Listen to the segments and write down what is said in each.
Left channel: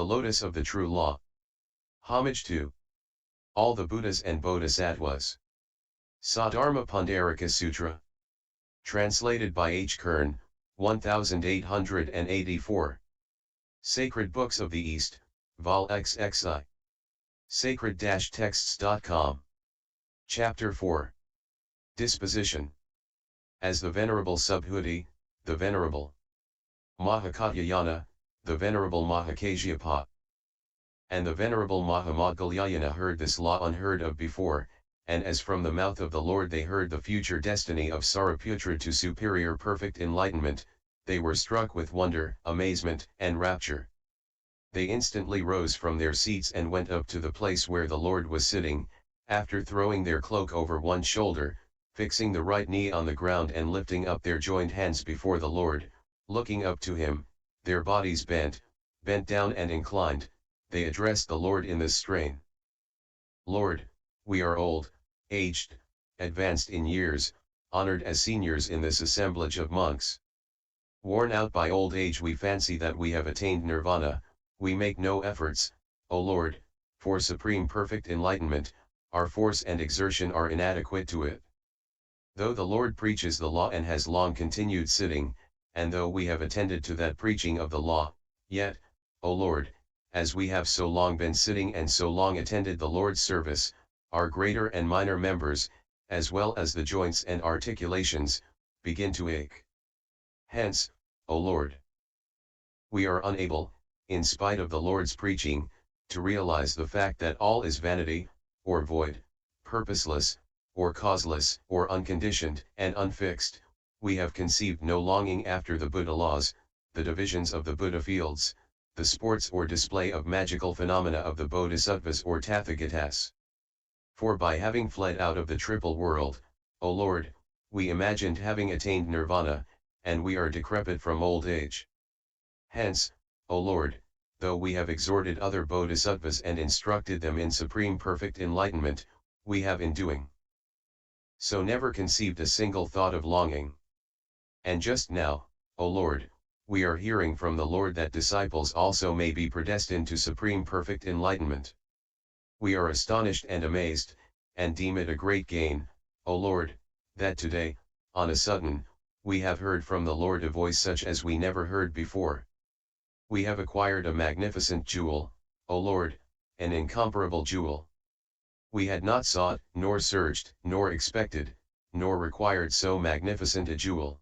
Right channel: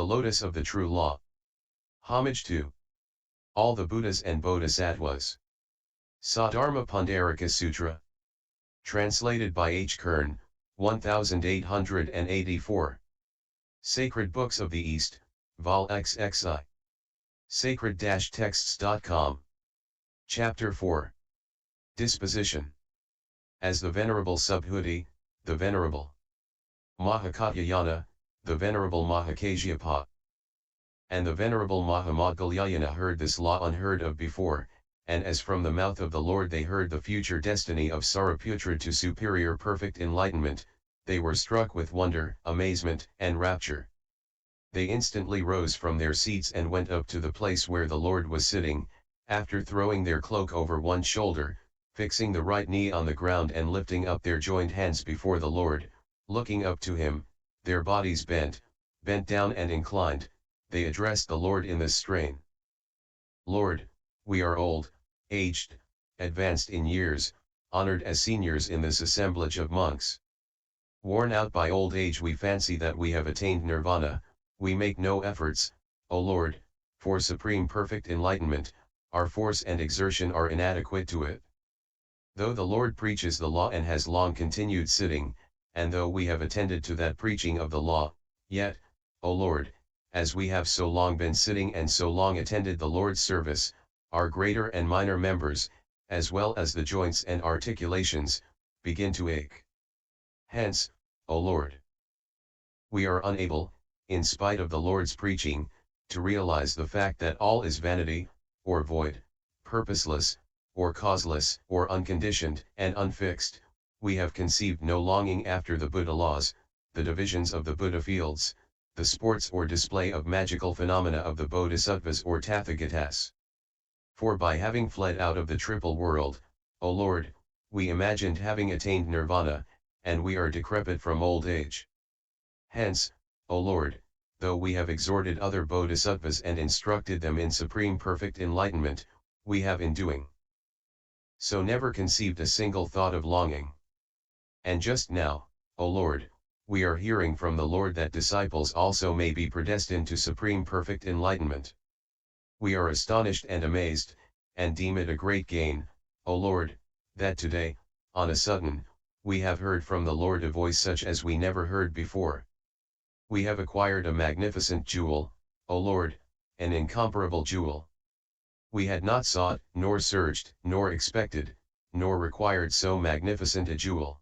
the lotus of the true law. Homage to all the Buddhas and Bodhisattvas. Sadharma Pundarika Sutra. Translated by H. Kern, 1884. Sacred Books of the East, Vol XXI. Sacred-texts.com. Chapter 4. Disposition. As the Venerable Subhuti, the Venerable Mahakatyayana, the Venerable Mahakasyapa, and the Venerable Mahamoggallana heard this law unheard of before, and as from the mouth of the Lord they heard the future destiny of Sariputra to superior perfect enlightenment, they were struck with wonder, amazement, and rapture. They instantly rose from their seats and went up to the place where the Lord was sitting, after throwing their cloak over one shoulder, fixing the right knee on the ground and lifting up their joined hands before the Lord, looking up to him, their bodies bent down and inclined, they addressed the Lord in this strain. Lord, we are old, aged, advanced in years, honored as seniors in this assemblage of monks. Worn out by old age, we fancy that we have attained nirvana, we make no efforts, O Lord, for supreme perfect enlightenment, our force and exertion are inadequate to it. Though the Lord preaches the law and has long continued sitting, and though we have attended to that preaching of the law, yet, O Lord, as we have so long been sitting and so long attended the Lord's service, our greater and minor members, as well as the joints and articulations, begin to ache. Hence, O Lord, we are unable, in spite of the Lord's preaching, to realize the fact that all is vanity, or void, purposeless, or causeless, or unconditioned and unfixed. We have conceived no longing after the Buddha laws, the divisions of the Buddha fields, the sports or display of magical phenomena of the Bodhisattvas or Tathagatas. For by having fled out of the triple world, O Lord, we imagined having attained nirvana, and we are decrepit from old age. Hence, O Lord, though we have exhorted other Bodhisattvas and instructed them in supreme perfect enlightenment, we have in doing so never conceived a single thought of longing. And just now, O Lord, we are hearing from the Lord that disciples also may be predestined to supreme perfect enlightenment. We are astonished and amazed, and deem it a great gain, O Lord, that today, on a sudden, we have heard from the Lord a voice such as we never heard before. We have acquired a magnificent jewel, O Lord, an incomparable jewel. We had not sought, nor searched, nor expected, nor required so magnificent a jewel.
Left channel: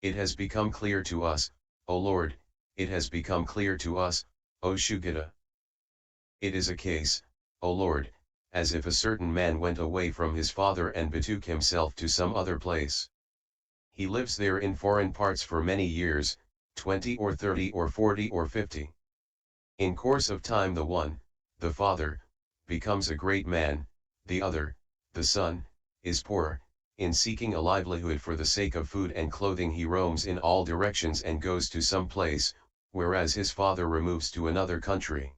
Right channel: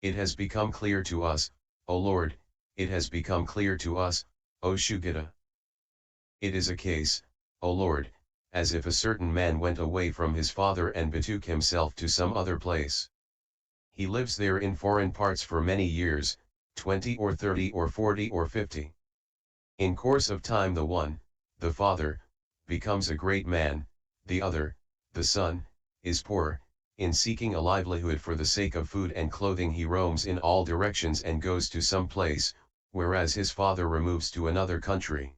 It has become clear to us, O Lord, it has become clear to us, O Shugita. It is a case, O Lord, as if a certain man went away from his father and betook himself to some other place. He lives there in foreign parts for many years, 20 or 30 or 40 or 50. In course of time the one, the father, becomes a great man, the other, the son, is poor. In seeking a livelihood for the sake of food and clothing he roams in all directions and goes to some place, whereas his father removes to another country.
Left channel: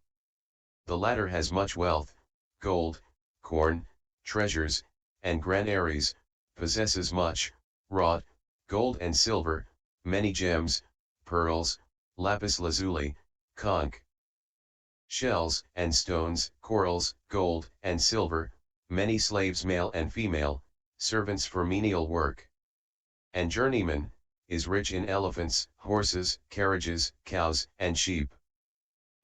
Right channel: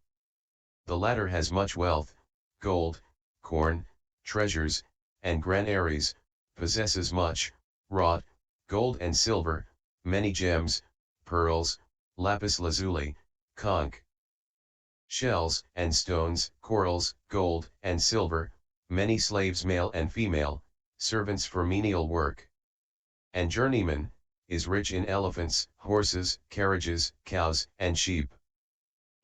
The latter has much wealth, gold, corn, treasures, and granaries, possesses much, wrought, gold and silver, many gems, pearls, lapis lazuli, conch shells and stones, corals, gold and silver, many slaves male and female, servants for menial work, and journeymen, is rich in elephants, horses, carriages, cows, and sheep.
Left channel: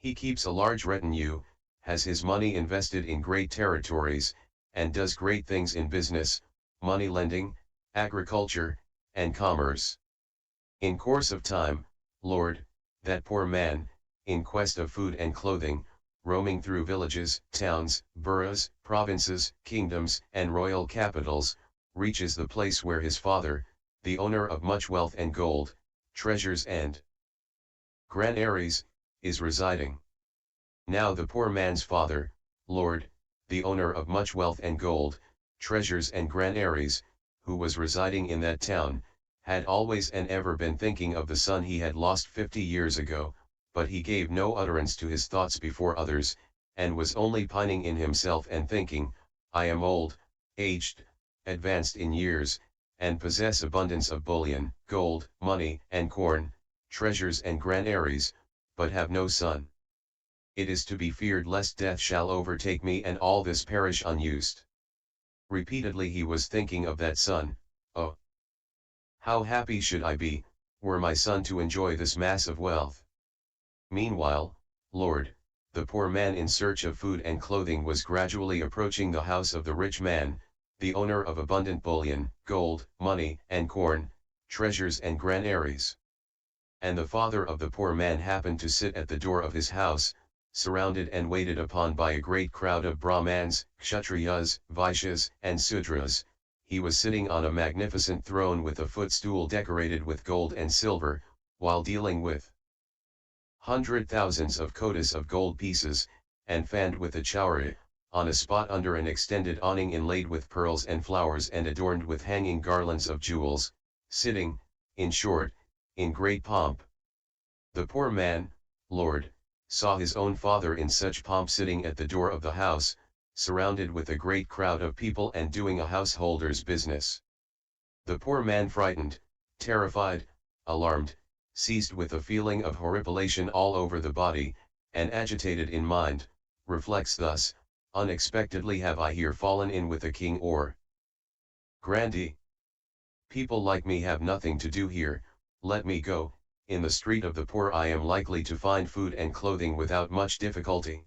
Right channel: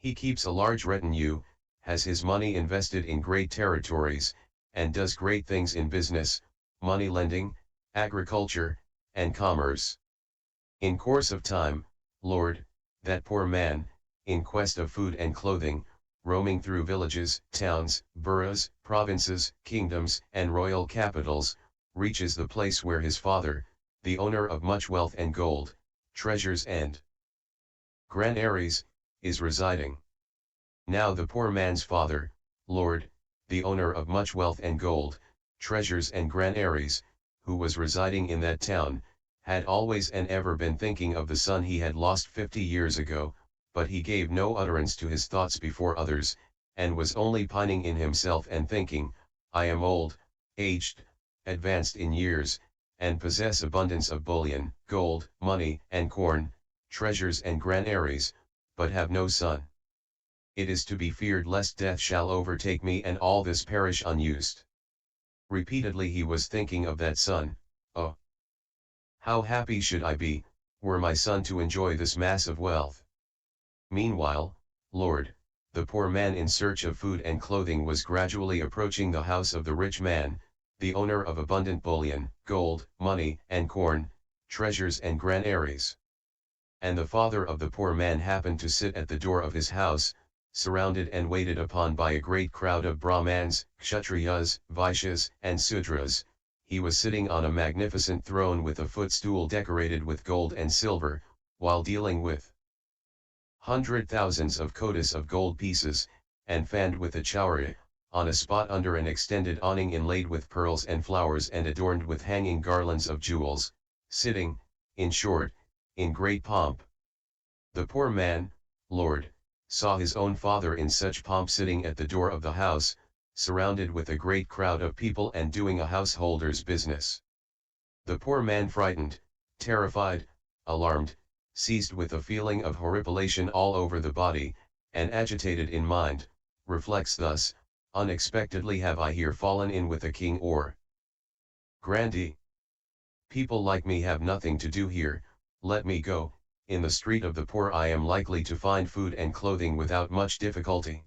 He keeps a large retinue, has his money invested in great territories, and does great things in business, money lending, agriculture, and commerce. In course of time, Lord, that poor man, in quest of food and clothing, roaming through villages, towns, boroughs, provinces, kingdoms, and royal capitals, reaches the place where his father, the owner of much wealth and gold, treasures and granaries, is residing. Now the poor man's father, Lord, the owner of much wealth and gold, treasures and granaries, who was residing in that town, had always and ever been thinking of the son he had lost 50 years ago, but he gave no utterance to his thoughts before others, and was only pining in himself and thinking, I am old, aged, advanced in years, and possess abundance of bullion, gold, money, and corn, treasures and granaries, but have no son. It is to be feared lest death shall overtake me and all this perish unused. Repeatedly he was thinking of that son. Oh, how happy should I be, were my son to enjoy this mass of wealth. Meanwhile, Lord, the poor man in search of food and clothing was gradually approaching the house of the rich man, the owner of abundant bullion, gold, money, and corn, treasures and granaries. And the father of the poor man happened to sit at the door of his house, surrounded and waited upon by a great crowd of Brahmans, Kshatriyas, Vaishyas, and Sudras. He was sitting on a magnificent throne with a footstool decorated with gold and silver, while dealing with hundred thousands of kotas of gold pieces, and fanned with a chowri, on a spot under an extended awning inlaid with pearls and flowers and adorned with hanging garlands of jewels, sitting, in short, in great pomp. The poor man, Lord, saw his own father in such pomp sitting at the door of the house, surrounded with a great crowd of people and doing a householder's business. The poor man frightened, terrified, alarmed, seized with a feeling of horripilation all over the body, and agitated in mind, reflects thus, unexpectedly have I here fallen in with a king or grandee. People like me have nothing to do here, let me go, in the street of the poor I am likely to find food and clothing without much difficulty.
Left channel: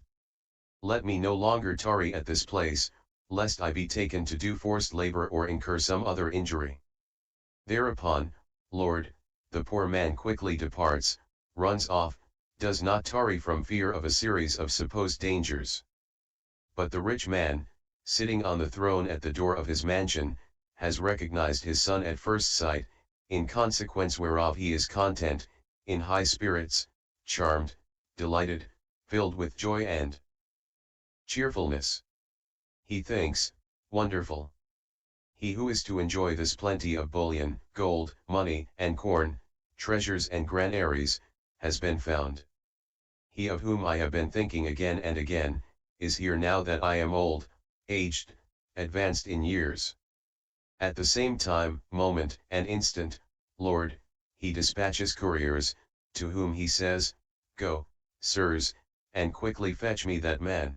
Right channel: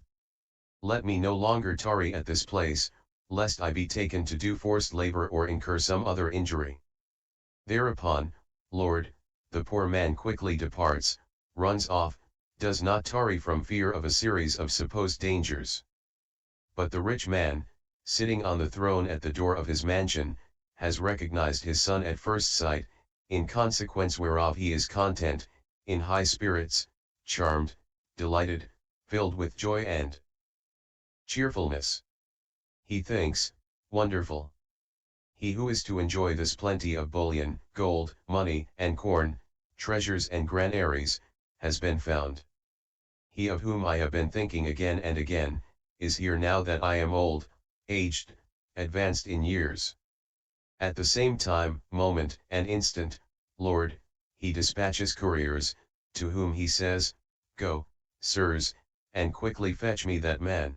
Let me no longer tarry at this place, lest I be taken to do forced labor or incur some other injury. Thereupon, Lord, the poor man quickly departs, runs off, does not tarry from fear of a series of supposed dangers. But the rich man, sitting on the throne at the door of his mansion, has recognized his son at first sight, in consequence whereof he is content, in high spirits, charmed, delighted, filled with joy and cheerfulness. He thinks, wonderful. He who is to enjoy this plenty of bullion, gold, money, and corn, treasures and granaries, has been found. He of whom I have been thinking again and again, is here now that I am old, aged, advanced in years. At the same time, moment, and instant, Lord, he dispatches couriers, to whom he says, Go, sirs, and quickly fetch me that man.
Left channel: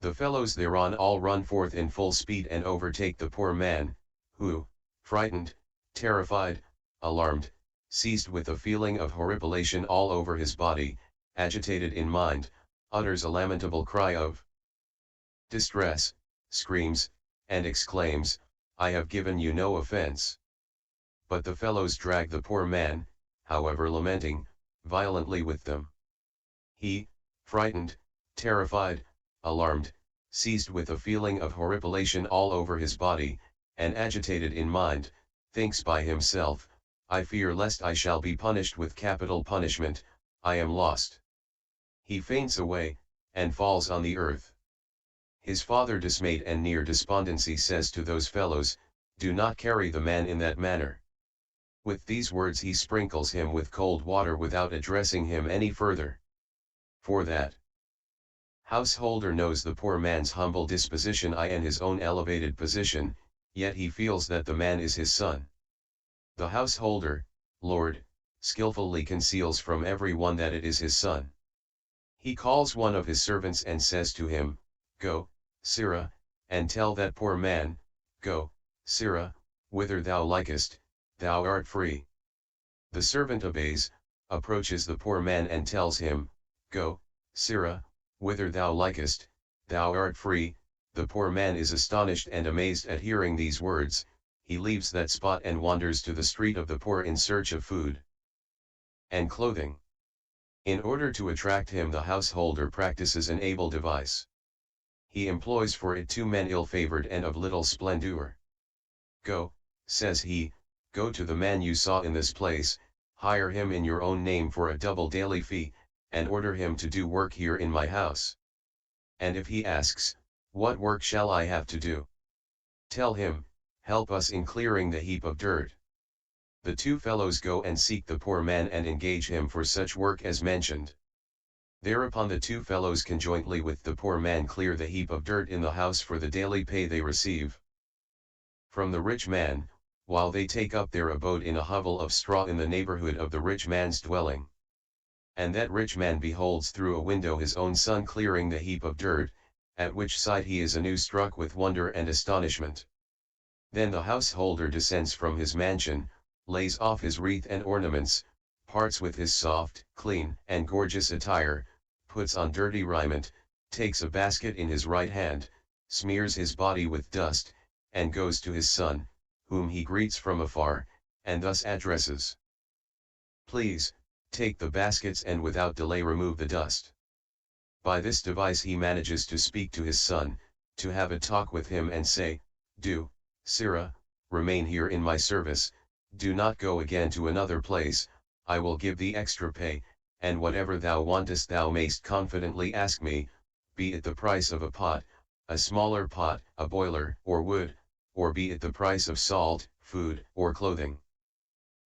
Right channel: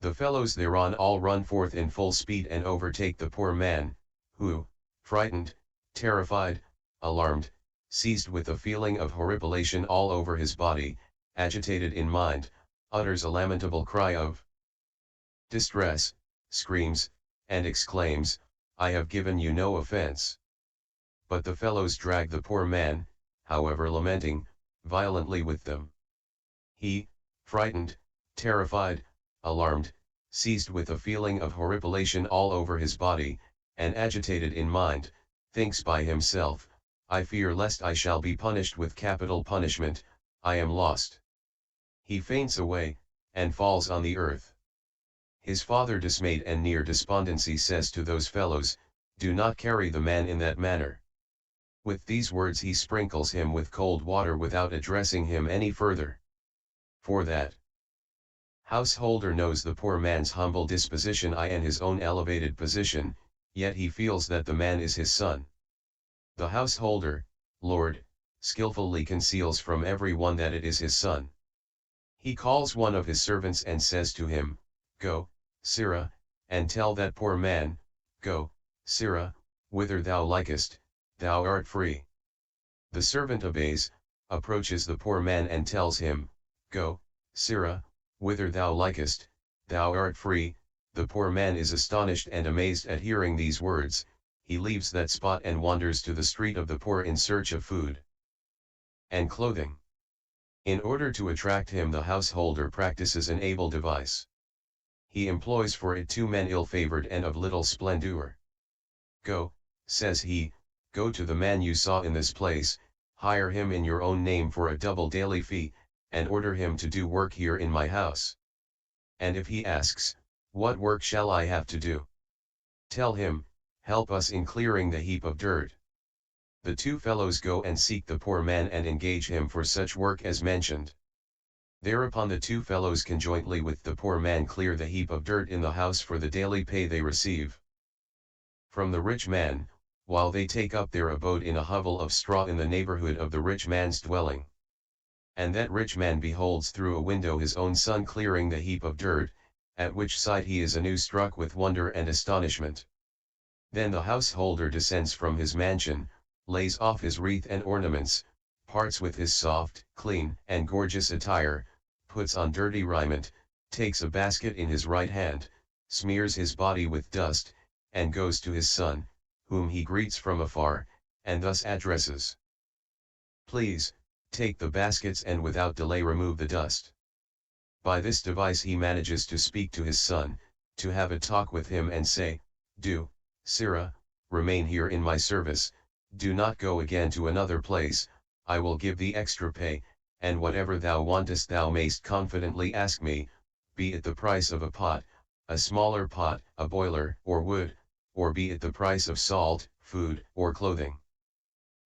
The fellows thereon all run forth in full speed and overtake the poor man, who, frightened, terrified, alarmed, seized with a feeling of horripilation all over his body, agitated in mind, utters a lamentable cry of distress, screams, and exclaims, I have given you no offense. But the fellows drag the poor man, however lamenting, violently with them. He, frightened, terrified, alarmed, seized with a feeling of horripilation all over his body, and agitated in mind, thinks by himself, I fear lest I shall be punished with capital punishment, I am lost. He faints away, and falls on the earth. His father, dismayed and near despondency, says to those fellows, Do not carry the man in that manner. With these words he sprinkles him with cold water without addressing him any further. For that householder knows the poor man's humble disposition and his own elevated position, yet he feels that the man is his son. The householder, Lord, skilfully conceals from every one that it is his son. He calls one of his servants and says to him, Go, sirrah, and tell that poor man, Go, sirrah, whither thou likest, thou art free. The servant obeys, approaches the poor man and tells him, Go, sirrah, whither thou likest, thou art free. The poor man is astonished and amazed at hearing these words, he leaves that spot and wanders to the street of the poor in search of food and clothing. In order to attract him, the householder practices an able device. He employs for it 2 men ill-favoured and of little splendour. Go, says he, go to the man you saw in this place, hire him in your own name for a double daily fee, and order him to do work here in my house. And if he asks, What work shall I have to do? Tell him, Help us in clearing the heap of dirt. The 2 fellows go and seek the poor man and engage him for such work as mentioned. Thereupon the 2 fellows conjointly with the poor man clear the heap of dirt in the house for the daily pay they receive from the rich man, while they take up their abode in a hovel of straw in the neighbourhood of the rich man's dwelling. And that rich man beholds through a window his own son clearing the heap of dirt, at which sight he is anew struck with wonder and astonishment. Then the householder descends from his mansion, lays off his wreath and ornaments, parts with his soft, clean, and gorgeous attire, puts on dirty raiment, takes a basket in his right hand, smears his body with dust, and goes to his son, whom he greets from afar, and thus addresses. Please, take the baskets and without delay remove the dust. By this device he manages to speak to his son, to have a talk with him and say, do, sirrah, remain here in my service, do not go again to another place, I will give thee extra pay, and whatever thou wantest thou mayst confidently ask me, be it the price of a pot, a smaller pot, a boiler, or wood, or be it the price of salt, food, or clothing.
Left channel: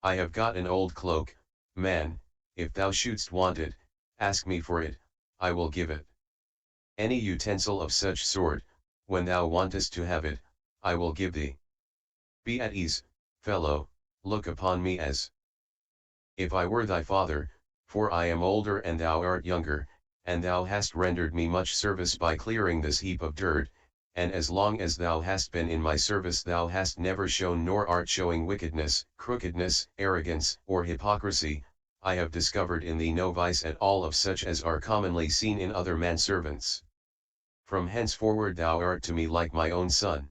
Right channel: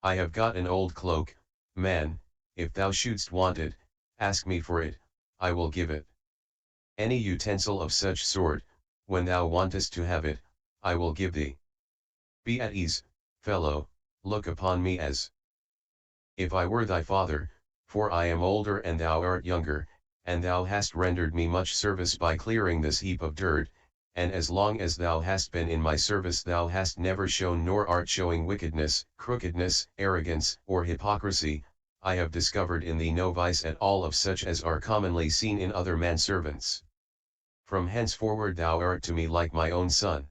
I have got an old cloak, man, if thou shouldst want it, ask me for it, I will give it. Any utensil of such sort, when thou wantest to have it, I will give thee. Be at ease, fellow, look upon me as if I were thy father, for I am older and thou art younger, and thou hast rendered me much service by clearing this heap of dirt, and as long as thou hast been in my service thou hast never shown nor art showing wickedness, crookedness, arrogance, or hypocrisy, I have discovered in thee no vice at all of such as are commonly seen in other manservants. From henceforward thou art to me like my own son.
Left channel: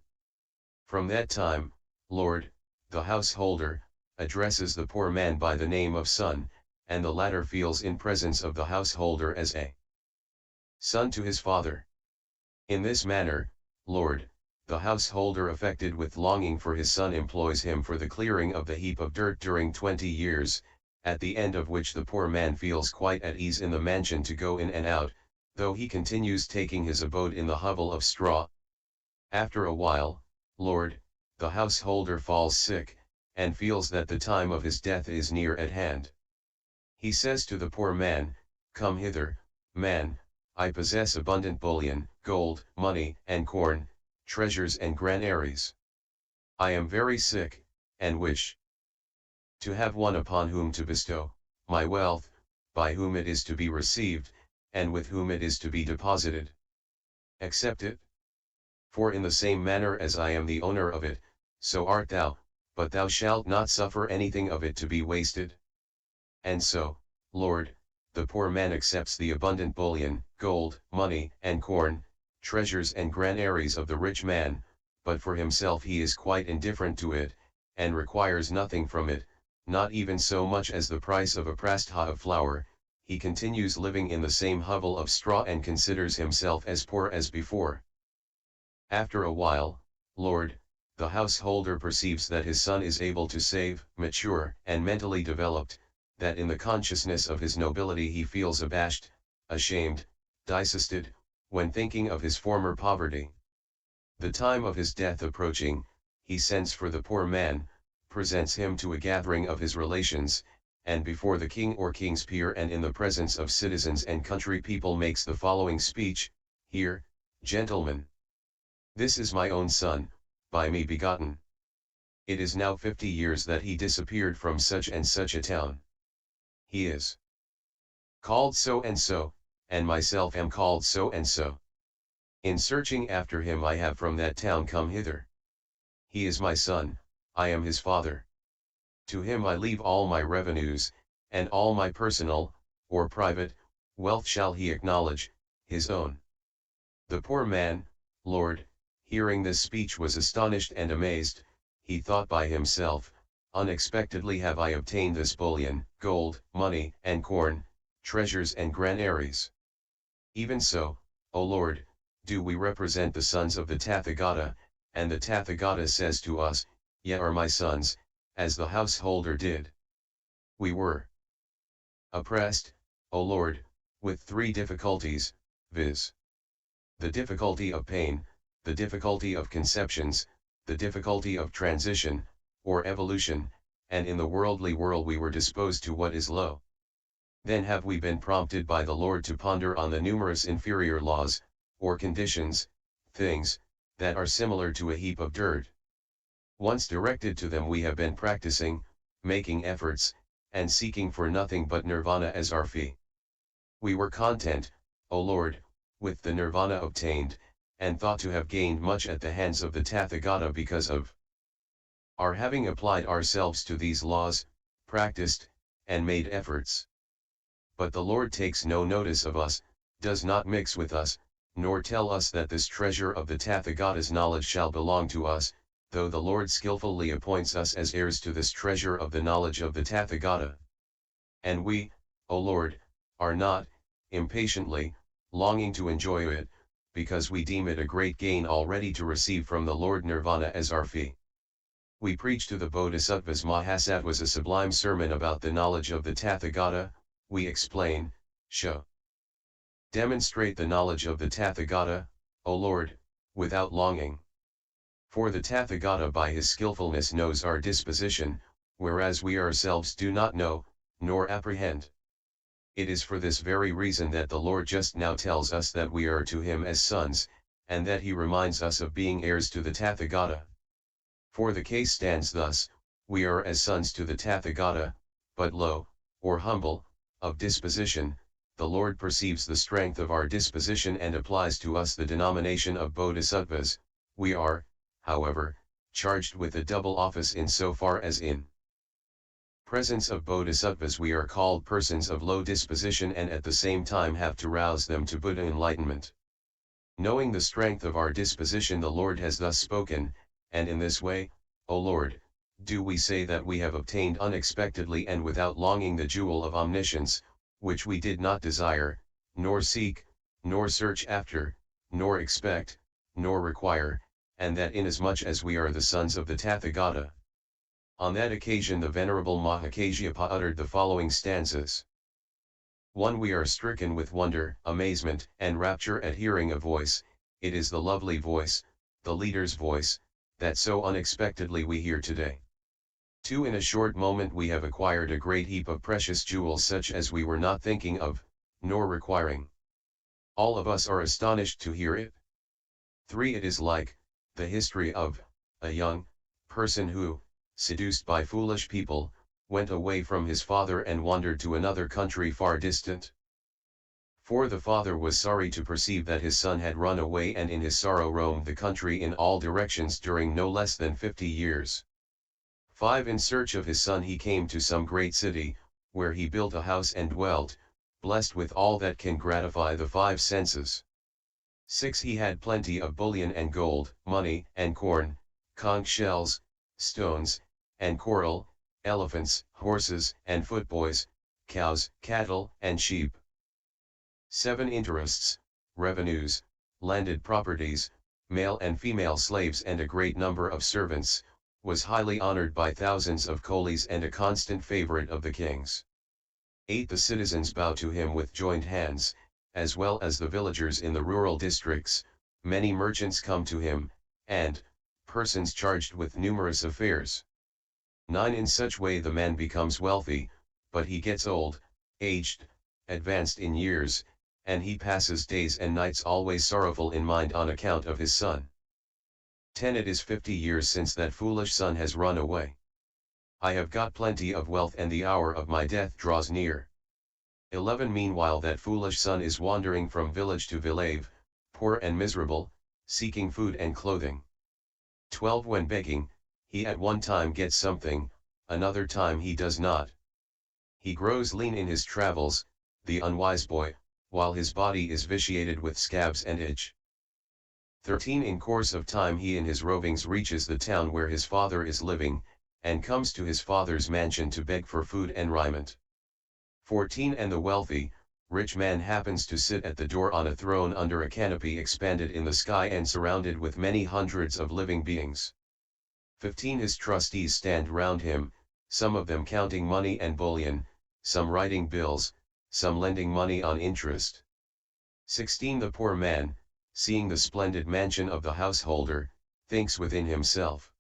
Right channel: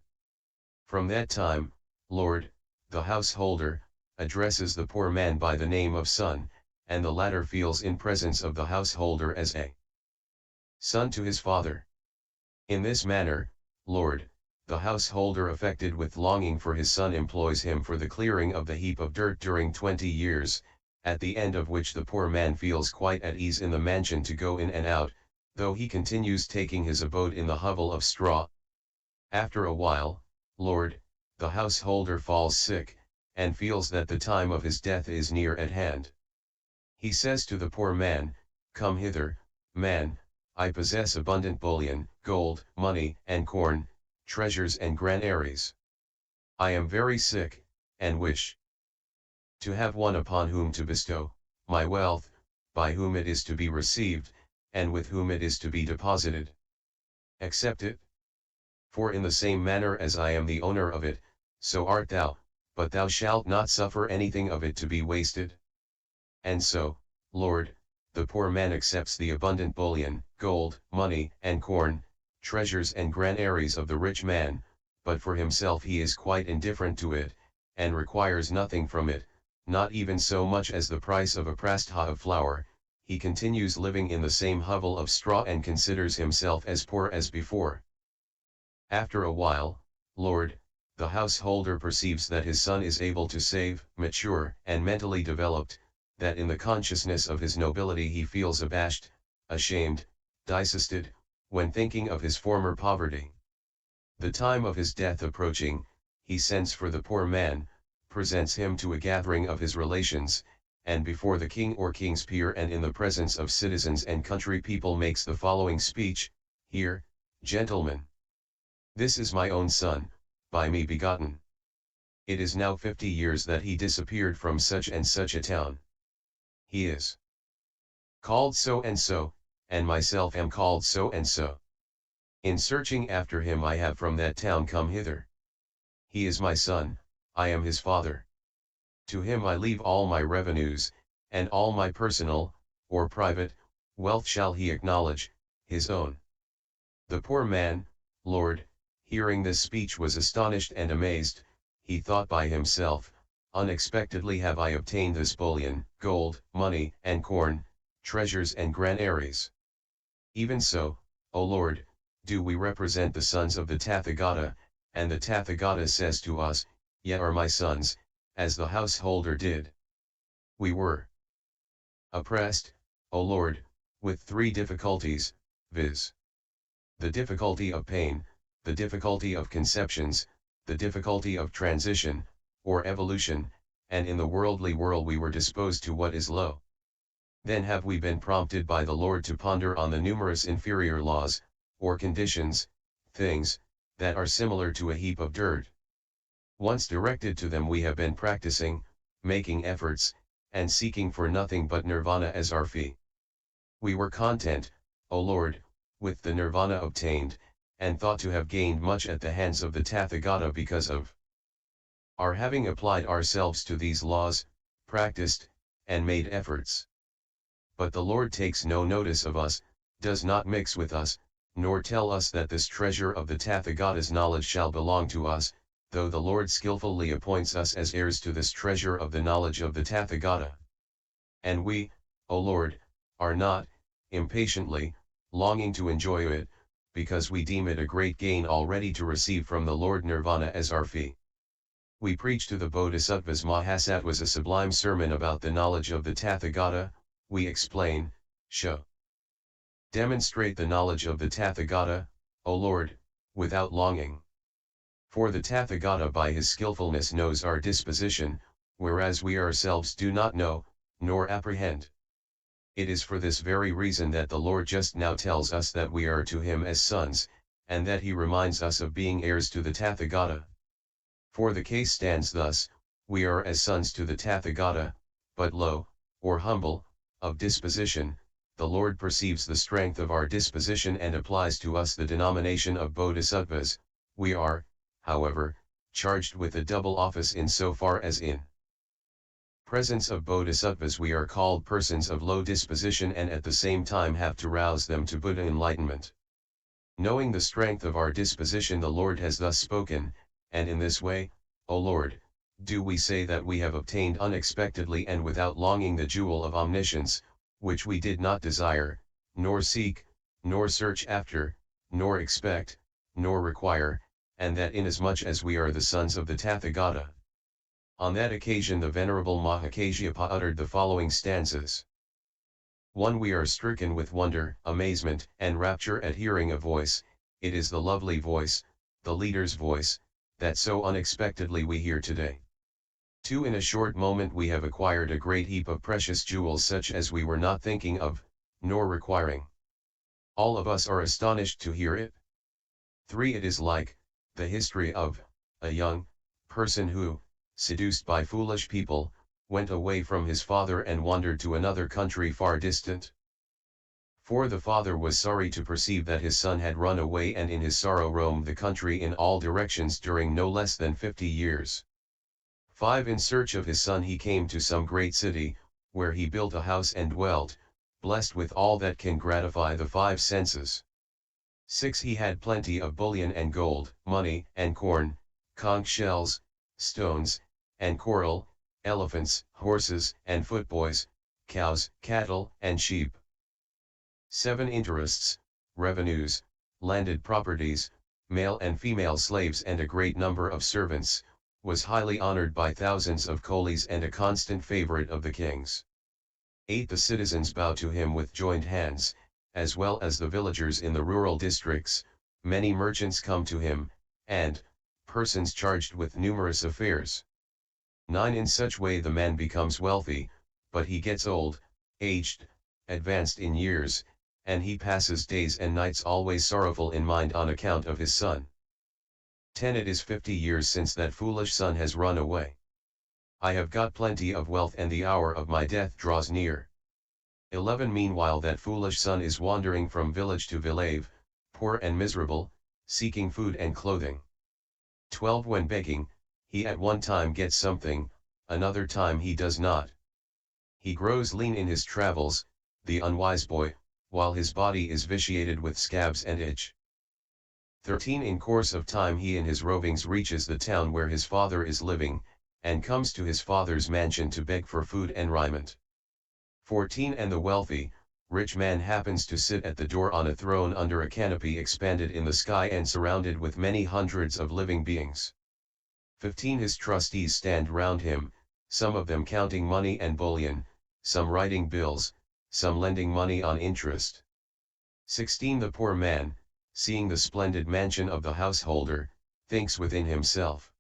From that time, Lord, the householder, addresses the poor man by the name of son, and the latter feels in presence of the householder as a son to his father. In this manner, Lord, the householder affected with longing for his son employs him for the clearing of the heap of dirt during 20 years, at the end of which the poor man feels quite at ease in the mansion to go in and out, though he continues taking his abode in the hovel of straw. After a while, Lord, the householder falls sick, and feels that the time of his death is near at hand. He says to the poor man, come hither, man, I possess abundant bullion, gold, money, and corn, treasures and granaries. I am very sick, and wish to have one upon whom to bestow my wealth, by whom it is to be received, and with whom it is to be deposited. Accept it. For in the same manner as I am the owner of it, so art thou, but thou shalt not suffer anything of it to be wasted. And so, Lord, the poor man accepts the abundant bullion, gold, money, and corn, treasures and granaries of the rich man, but for himself he is quite indifferent to it, and requires nothing from it, not even so much as the price of a prastha of flour. He continues living in the same hovel of straw and considers himself as poor as before. After a while, Lord, the householder perceives that his son is able to save, mature, and mentally developed, that in the consciousness of his nobility he feels abashed, ashamed, disgusted, when thinking of his former poverty. The time of his death approaching, he sends for the poor man, presents him to a gathering of his relations, and before the king or king's peer and in the presence of citizens and country people makes the following speech, Hear, gentlemen. This is my own son, by me begotten. It is now 50 years that he disappeared from such and such a town. He is called so and so, and myself am called so and so. In searching after him I have from that town come hither. He is my son, I am his father. To him I leave all my revenues, and all my personal, or private, wealth shall he acknowledge, his own. The poor man, Lord, hearing this speech was astonished and amazed, he thought by himself, unexpectedly have I obtained this bullion, gold, money, and corn, treasures and granaries. Even so, O Lord, do we represent the sons of the Tathagata, and the Tathagata says to us, Ye are my sons, as the householder did. We were oppressed, O Lord, with 3 difficulties, viz. The difficulty of pain, the difficulty of conceptions, the difficulty of transition, or evolution, and in the worldly world we were disposed to what is low. Then have we been prompted by the Lord to ponder on the numerous inferior laws, or conditions, things, that are similar to a heap of dirt. Once directed to them we have been practicing, making efforts, and seeking for nothing but nirvana as our fee. We were content, O Lord, with the nirvana obtained, and thought to have gained much at the hands of the Tathagata because of our having applied ourselves to these laws, practiced, and made efforts. But the Lord takes no notice of us, does not mix with us, nor tell us that this treasure of the Tathagata's knowledge shall belong to us, though the Lord skillfully appoints us as heirs to this treasure of the knowledge of the Tathagata. And we, O Lord, are not, impatiently, longing to enjoy it, because we deem it a great gain already to receive from the Lord Nirvana as our fee. We preach to the Bodhisattvas Mahasattva's a sublime sermon about the knowledge of the Tathagata. We explain, show, demonstrate the knowledge of the Tathagata, O Lord, without longing. For the Tathagata by his skillfulness knows our disposition, whereas we ourselves do not know, nor apprehend. It is for this very reason that the Lord just now tells us that we are to him as sons, and that he reminds us of being heirs to the Tathagata. For the case stands thus: we are as sons to the Tathagata, but low, or humble, of disposition. The Lord perceives the strength of our disposition and applies to us the denomination of Bodhisattvas. We are, however, charged with a double office in so far as in presence of Bodhisattvas we are called persons of low disposition and at the same time have to rouse them to Buddha enlightenment. Knowing the strength of our disposition, the Lord has thus spoken, and in this way, O Lord, do we say that we have obtained unexpectedly and without longing the jewel of omniscience, which we did not desire, nor seek, nor search after, nor expect, nor require, and that inasmuch as we are the sons of the Tathagata. On that occasion the Venerable Mahakasyapa uttered the following stanzas. 1. We are stricken with wonder, amazement, and rapture at hearing a voice. It is the lovely voice, the leader's voice, that so unexpectedly we hear today. 2. In a short moment we have acquired a great heap of precious jewels such as we were not thinking of, nor requiring. All of us are astonished to hear it. 3. It is like the history of a young person who, seduced by foolish people, went away from his father and wandered to another country far distant. 4. The father was sorry to perceive that his son had run away and in his sorrow roamed the country in all directions during no less than 50 years. 5. In search of his son he came to some great city, where he built a house and dwelt, blessed with all that can gratify the 5 senses. 6. He had plenty of bullion and gold, money and corn, conch shells, stones, and coral, elephants, horses and footboys, cows, cattle and sheep. 7. Interests, revenues, landed properties, male and female slaves and a great number of servants, was highly honored by thousands of coolies and a constant favorite of the kings. 8. The citizens bow to him with joined hands, as well as the villagers in the rural districts. Many merchants come to him, and persons charged with numerous affairs. 9. In such way the man becomes wealthy, but he gets old, aged, advanced in years, and he passes days and nights always sorrowful in mind on account of his son. 10. It is 50 years since that foolish son has run away. I have got plenty of wealth and the hour of my death draws near. 11. Meanwhile that foolish son is wandering from village to village, poor and miserable, seeking food and clothing. 12. When begging, he at one time gets something, another time he does not. He grows lean in his travels, the unwise boy, while his body is vitiated with scabs and itch. 13. In course of time he in his rovings reaches the town where his father is living, and comes to his father's mansion to beg for food and raiment. 14. And the wealthy, rich man happens to sit at the door on a throne under a canopy expanded in the sky and surrounded with many hundreds of living beings. 15. His trustees stand round him, some of them counting money and bullion, some writing bills, some lending money on interest. 16. The poor man, seeing the splendid mansion of the householder, thinks within himself,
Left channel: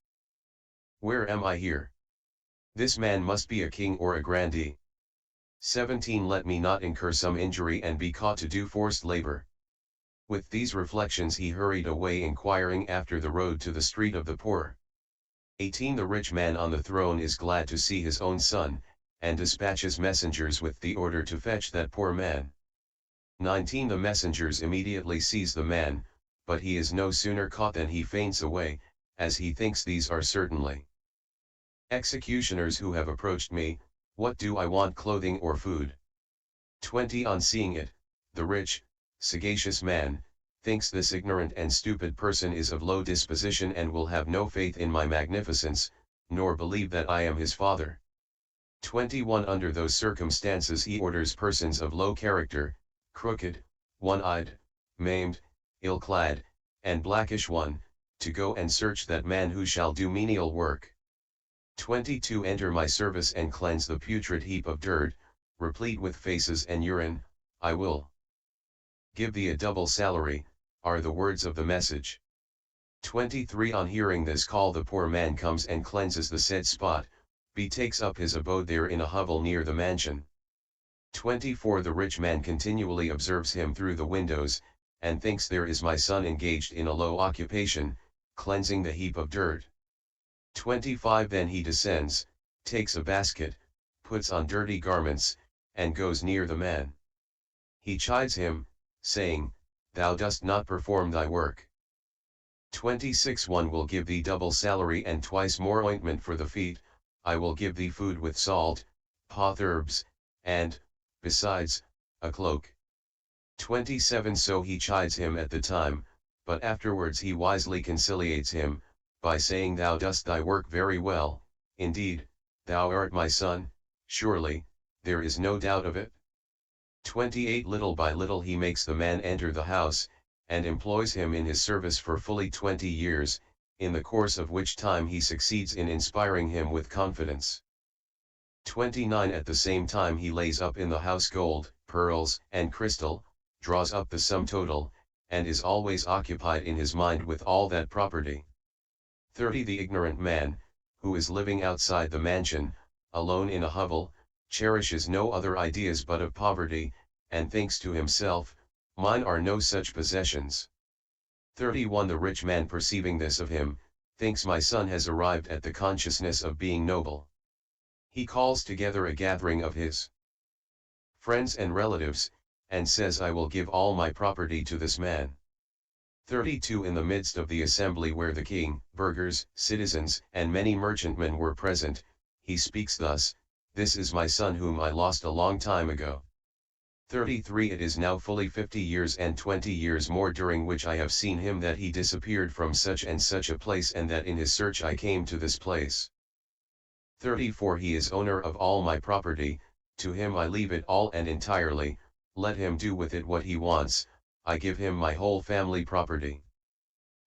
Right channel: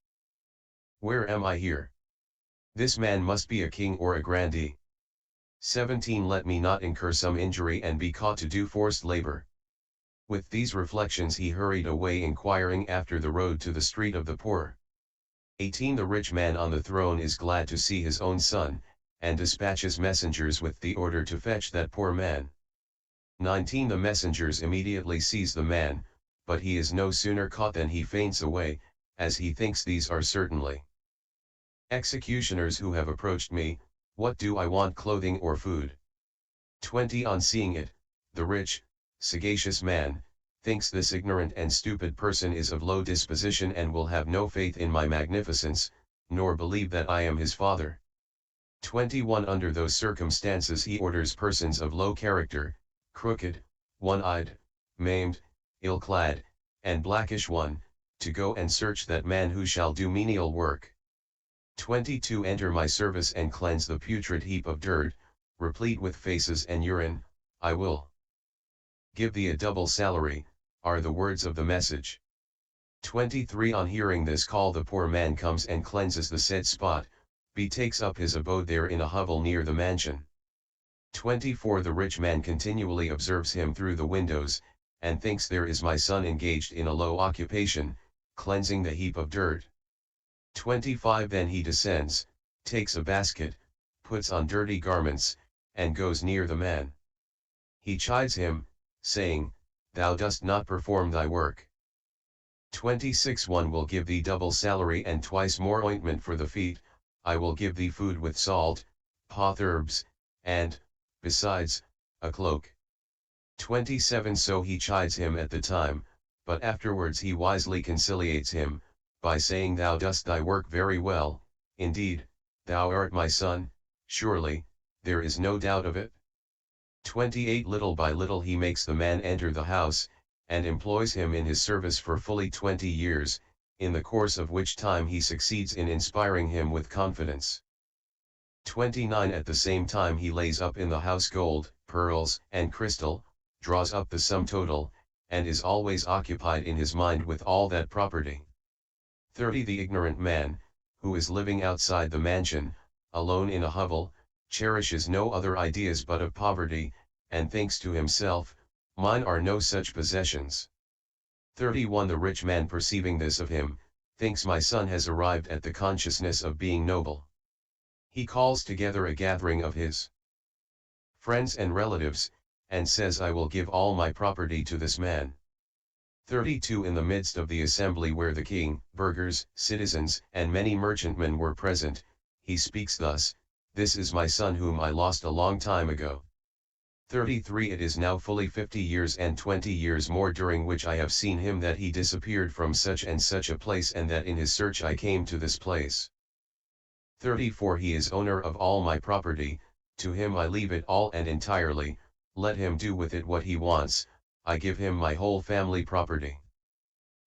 "Where am I here? This man must be a king or a grandee. 17. Let me not incur some injury and be caught to do forced labor." With these reflections he hurried away inquiring after the road to the street of the poor. 18. The rich man on the throne is glad to see his own son, and dispatches messengers with the order to fetch that poor man. 19 The messengers immediately seize the man, but he is no sooner caught than he faints away, as he thinks these are certainly executioners who have approached me. What do I want, clothing or food? 20 On seeing it, the rich, sagacious man, thinks this ignorant and stupid person is of low disposition and will have no faith in my magnificence, nor believe that I am his father. 21 Under those circumstances he orders persons of low character, crooked, one-eyed, maimed, ill-clad, and blackish one, to go and search that man who shall do menial work. 22 Enter my service and cleanse the putrid heap of dirt, replete with faces and urine. I will give thee a double salary, are the words of the message. 23 On hearing this call the poor man comes and cleanses the said spot, betakes up his abode there in a hovel near the mansion. 24 The rich man continually observes him through the windows, and thinks there is my son engaged in a low occupation, cleansing the heap of dirt. 25 Then he descends, takes a basket, puts on dirty garments, and goes near the man. He chides him, saying, Thou dost not perform thy work. 26 One will give thee double salary and twice more ointment for the feet. I will give thee food with salt, potherbs, and, besides, a cloak. 27 So he chides him at the time, but afterwards he wisely conciliates him, by saying, Thou dost thy work very well, indeed, thou art my son, surely, there is no doubt of it. 28 Little by little he makes the man enter the house, and employs him in his service for fully 20 years, in the course of which time he succeeds in inspiring him with confidence. 29 At the same time he lays up in the house gold, pearls, and crystal, draws up the sum total, and is always occupied in his mind with all that property. 30 The ignorant man, who is living outside the mansion, alone in a hovel, cherishes no other ideas but of poverty, and thinks to himself, Mine are no such possessions. 31 The rich man perceiving this of him, thinks my son has arrived at the consciousness of being noble. He calls together a gathering of his friends and relatives, and says, I will give all my property to this man. 32 In the midst of the assembly where the king, burghers, citizens, and many merchantmen were present, he speaks thus, This is my son whom I lost a long time ago. 33 It is now fully 50 years and 20 years more during which I have seen him that he disappeared from such and such a place, and that in his search I came to this place. 34 He is owner of all my property, to him I leave it all and entirely, let him do with it what he wants, I give him my whole family property.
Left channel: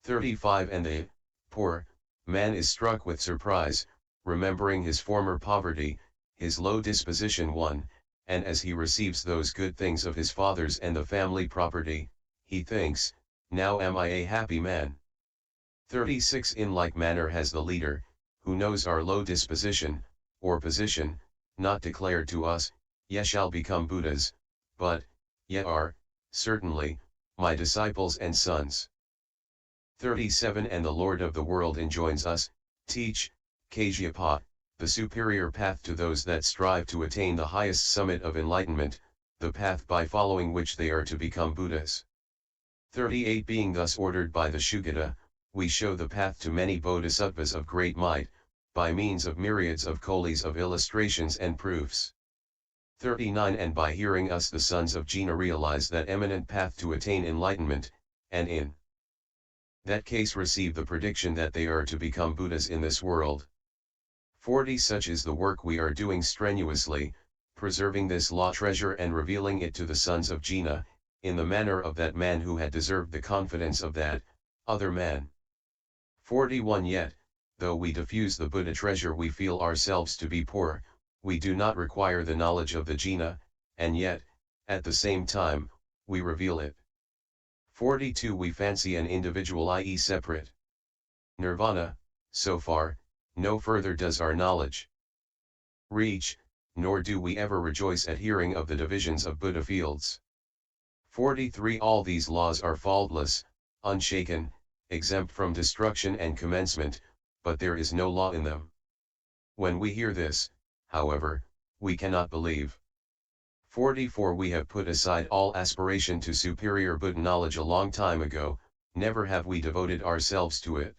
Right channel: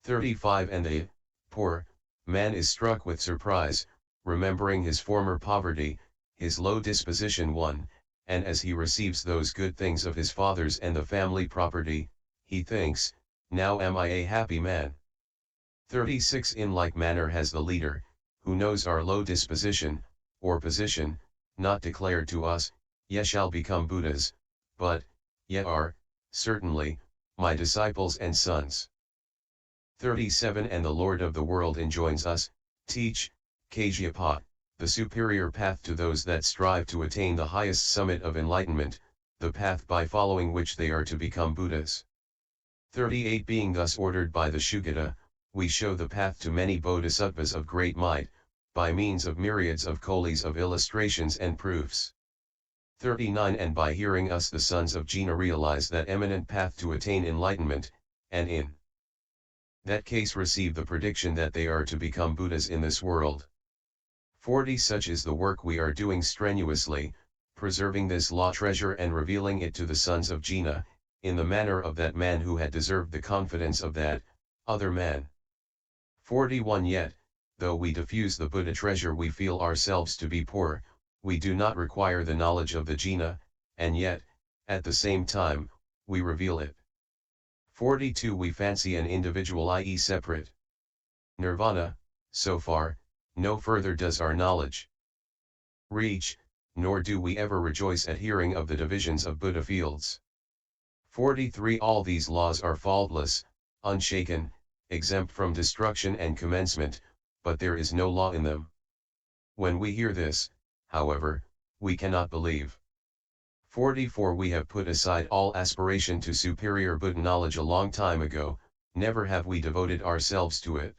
35 And the poor man is struck with surprise, remembering his former poverty, his low disposition and as he receives those good things of his fathers and the family property, he thinks, Now am I a happy man. 36 In like manner has the leader, who knows our low disposition, or position, not declared to us, Ye shall become Buddhas, but, ye are, certainly, my disciples and sons. 37 And the Lord of the world enjoins us, teach, Kajyapa, the superior path to those that strive to attain the highest summit of enlightenment, the path by following which they are to become Buddhas. 38 Being thus ordered by the Sugata, we show the path to many bodhisattvas of great might, by means of myriads of colis of illustrations and proofs. 39 And by hearing us the sons of Jina realize that eminent path to attain enlightenment, and in that case receive the prediction that they are to become Buddhas in this world. 40 Such is the work we are doing strenuously, preserving this law treasure and revealing it to the sons of Jina, in the manner of that man who had deserved the confidence of that other man. 41 Yet, though we diffuse the Buddha treasure we feel ourselves to be poor, we do not require the knowledge of the Jina, and yet, at the same time, we reveal it. 42 We fancy an individual, i.e. separate nirvana, so far, no further does our knowledge reach, nor do we ever rejoice at hearing of the divisions of Buddha fields. 43 All these laws are faultless, unshaken, exempt from destruction and commencement, but there is no law in them. When we hear this, however, we cannot believe. 44 We have put aside all aspiration to superior Buddha knowledge a long time ago, never have we devoted ourselves to it.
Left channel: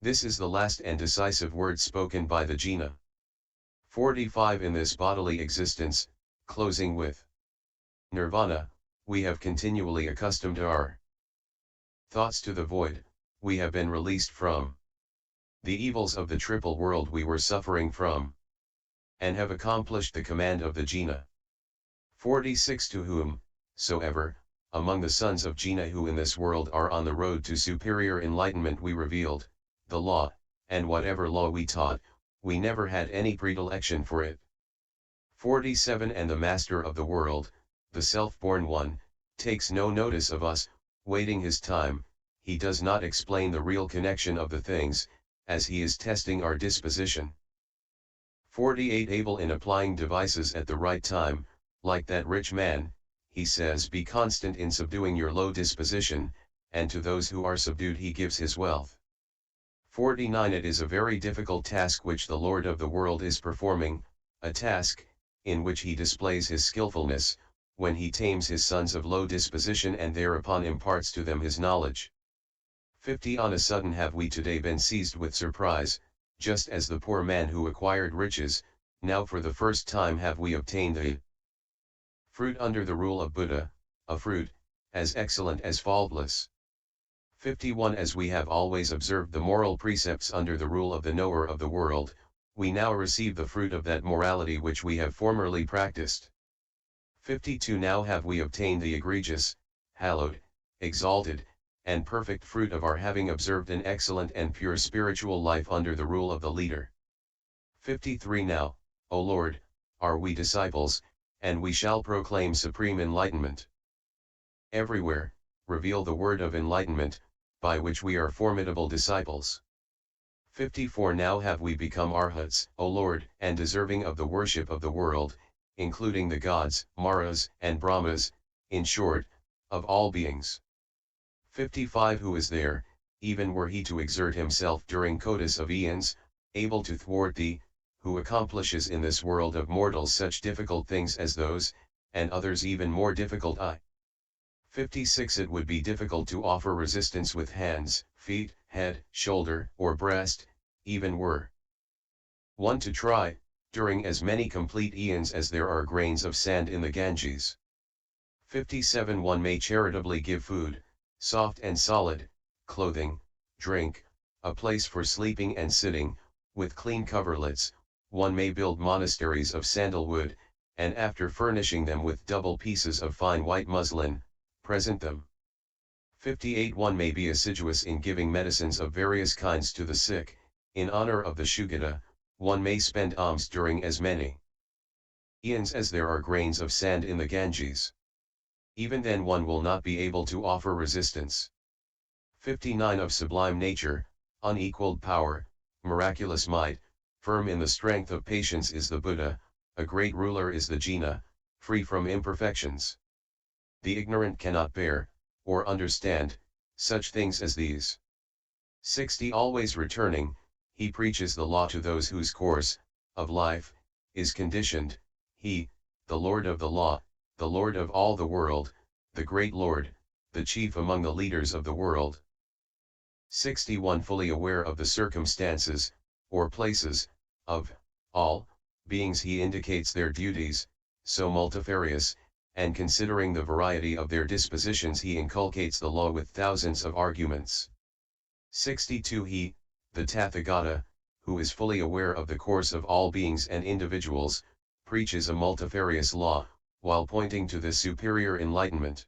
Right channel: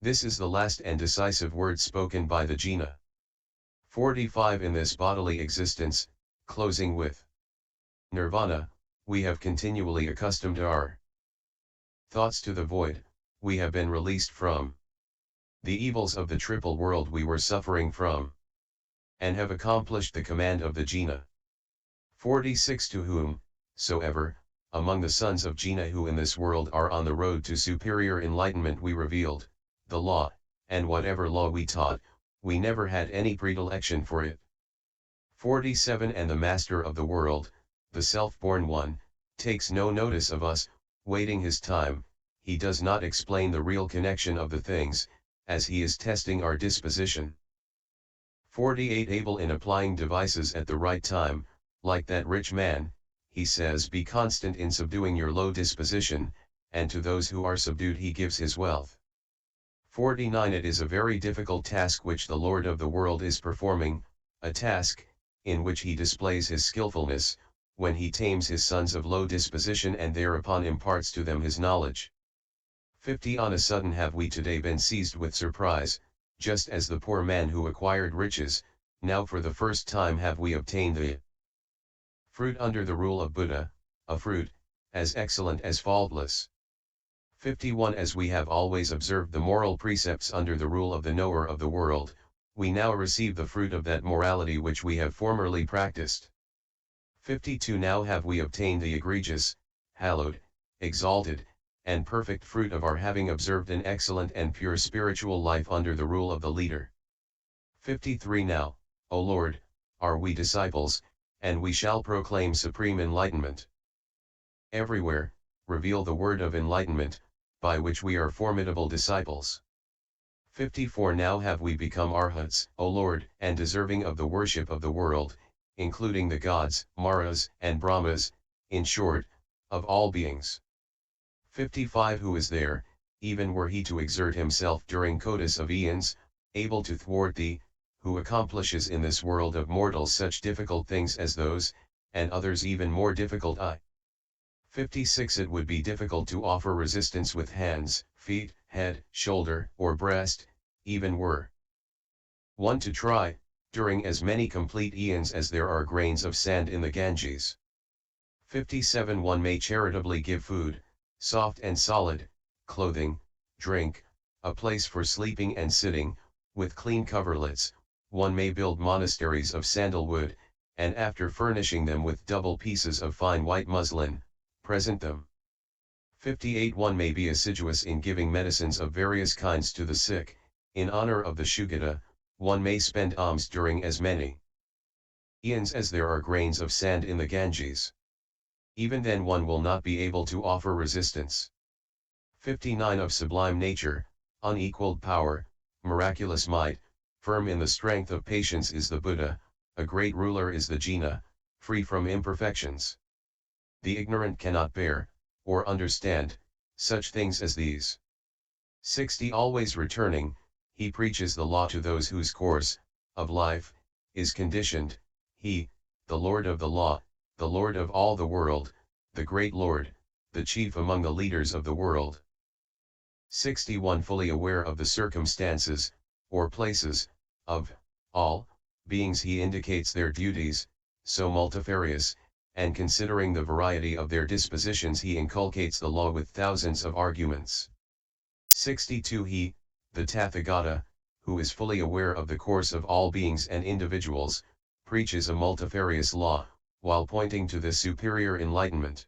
This is the last and decisive word spoken by the jina. 45 In this bodily existence, closing with nirvana, we have continually accustomed our thoughts to the void, we have been released from the evils of the triple world we were suffering from, and have accomplished the command of the jina. 46 To whom, soever, among the sons of jina who in this world are on the road to superior enlightenment we revealed, the law, and whatever law we taught, we never had any predilection for it. 47 And the master of the world, the self-born one, takes no notice of us, waiting his time, he does not explain the real connection of the things, as he is testing our disposition. 48 Able in applying devices at the right time, like that rich man, he says be constant in subduing your low disposition, and to those who are subdued he gives his wealth. 49 It is a very difficult task which the Lord of the world is performing, a task, in which he displays his skillfulness, when he tames his sons of low disposition and thereupon imparts to them his knowledge. 50 On a sudden have we today been seized with surprise, just as the poor man who acquired riches, now for the first time have we obtained the fruit under the rule of Buddha, a fruit, as excellent as faultless. 51 As we have always observed the moral precepts under the rule of the knower of the world, we now receive the fruit of that morality which we have formerly practiced. 52 Now have we obtained the egregious, hallowed, exalted, and perfect fruit of our having observed an excellent and pure spiritual life under the rule of the leader. 53 Now, O Lord, are we disciples, and we shall proclaim supreme enlightenment. Everywhere, reveal the word of enlightenment, by which we are formidable disciples. 54 Now have we become arhats, O Lord, and deserving of the worship of the world, including the gods, maras, and brahmas, in short, of all beings. 55 Who is there, even were he to exert himself during codas of eons, able to thwart thee, who accomplishes in this world of mortals such difficult things as those, and others even more difficult 56 It would be difficult to offer resistance with hands, feet, head, shoulder, or breast, even were one to try, during as many complete eons as there are grains of sand in the Ganges. 57 One may charitably give food, soft and solid, clothing, drink, a place for sleeping and sitting, with clean coverlets. One may build monasteries of sandalwood, and after furnishing them with double pieces of fine white muslin, present them. 58 One may be assiduous in giving medicines of various kinds to the sick, in honor of the Shugata. One may spend alms during as many eons as there are grains of sand in the Ganges. Even then one will not be able to offer resistance. 59 Of sublime nature, unequaled power, miraculous might, firm in the strength of patience is the Buddha, a great ruler is the jina, free from imperfections. The ignorant cannot bear, or understand, such things as these. 60 Always returning, he preaches the law to those whose course, of life, is conditioned, he, the Lord of the law, the Lord of all the world, the great Lord, the chief among the leaders of the world. 61 Fully aware of the circumstances, or places, of all beings he indicates their duties, so multifarious, and considering the variety of their dispositions he inculcates the law with thousands of arguments. 62 He, the Tathagata, who is fully aware of the course of all beings and individuals, preaches a multifarious law, while pointing to the superior enlightenment.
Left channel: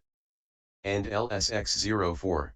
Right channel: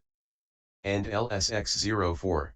And LSX 04.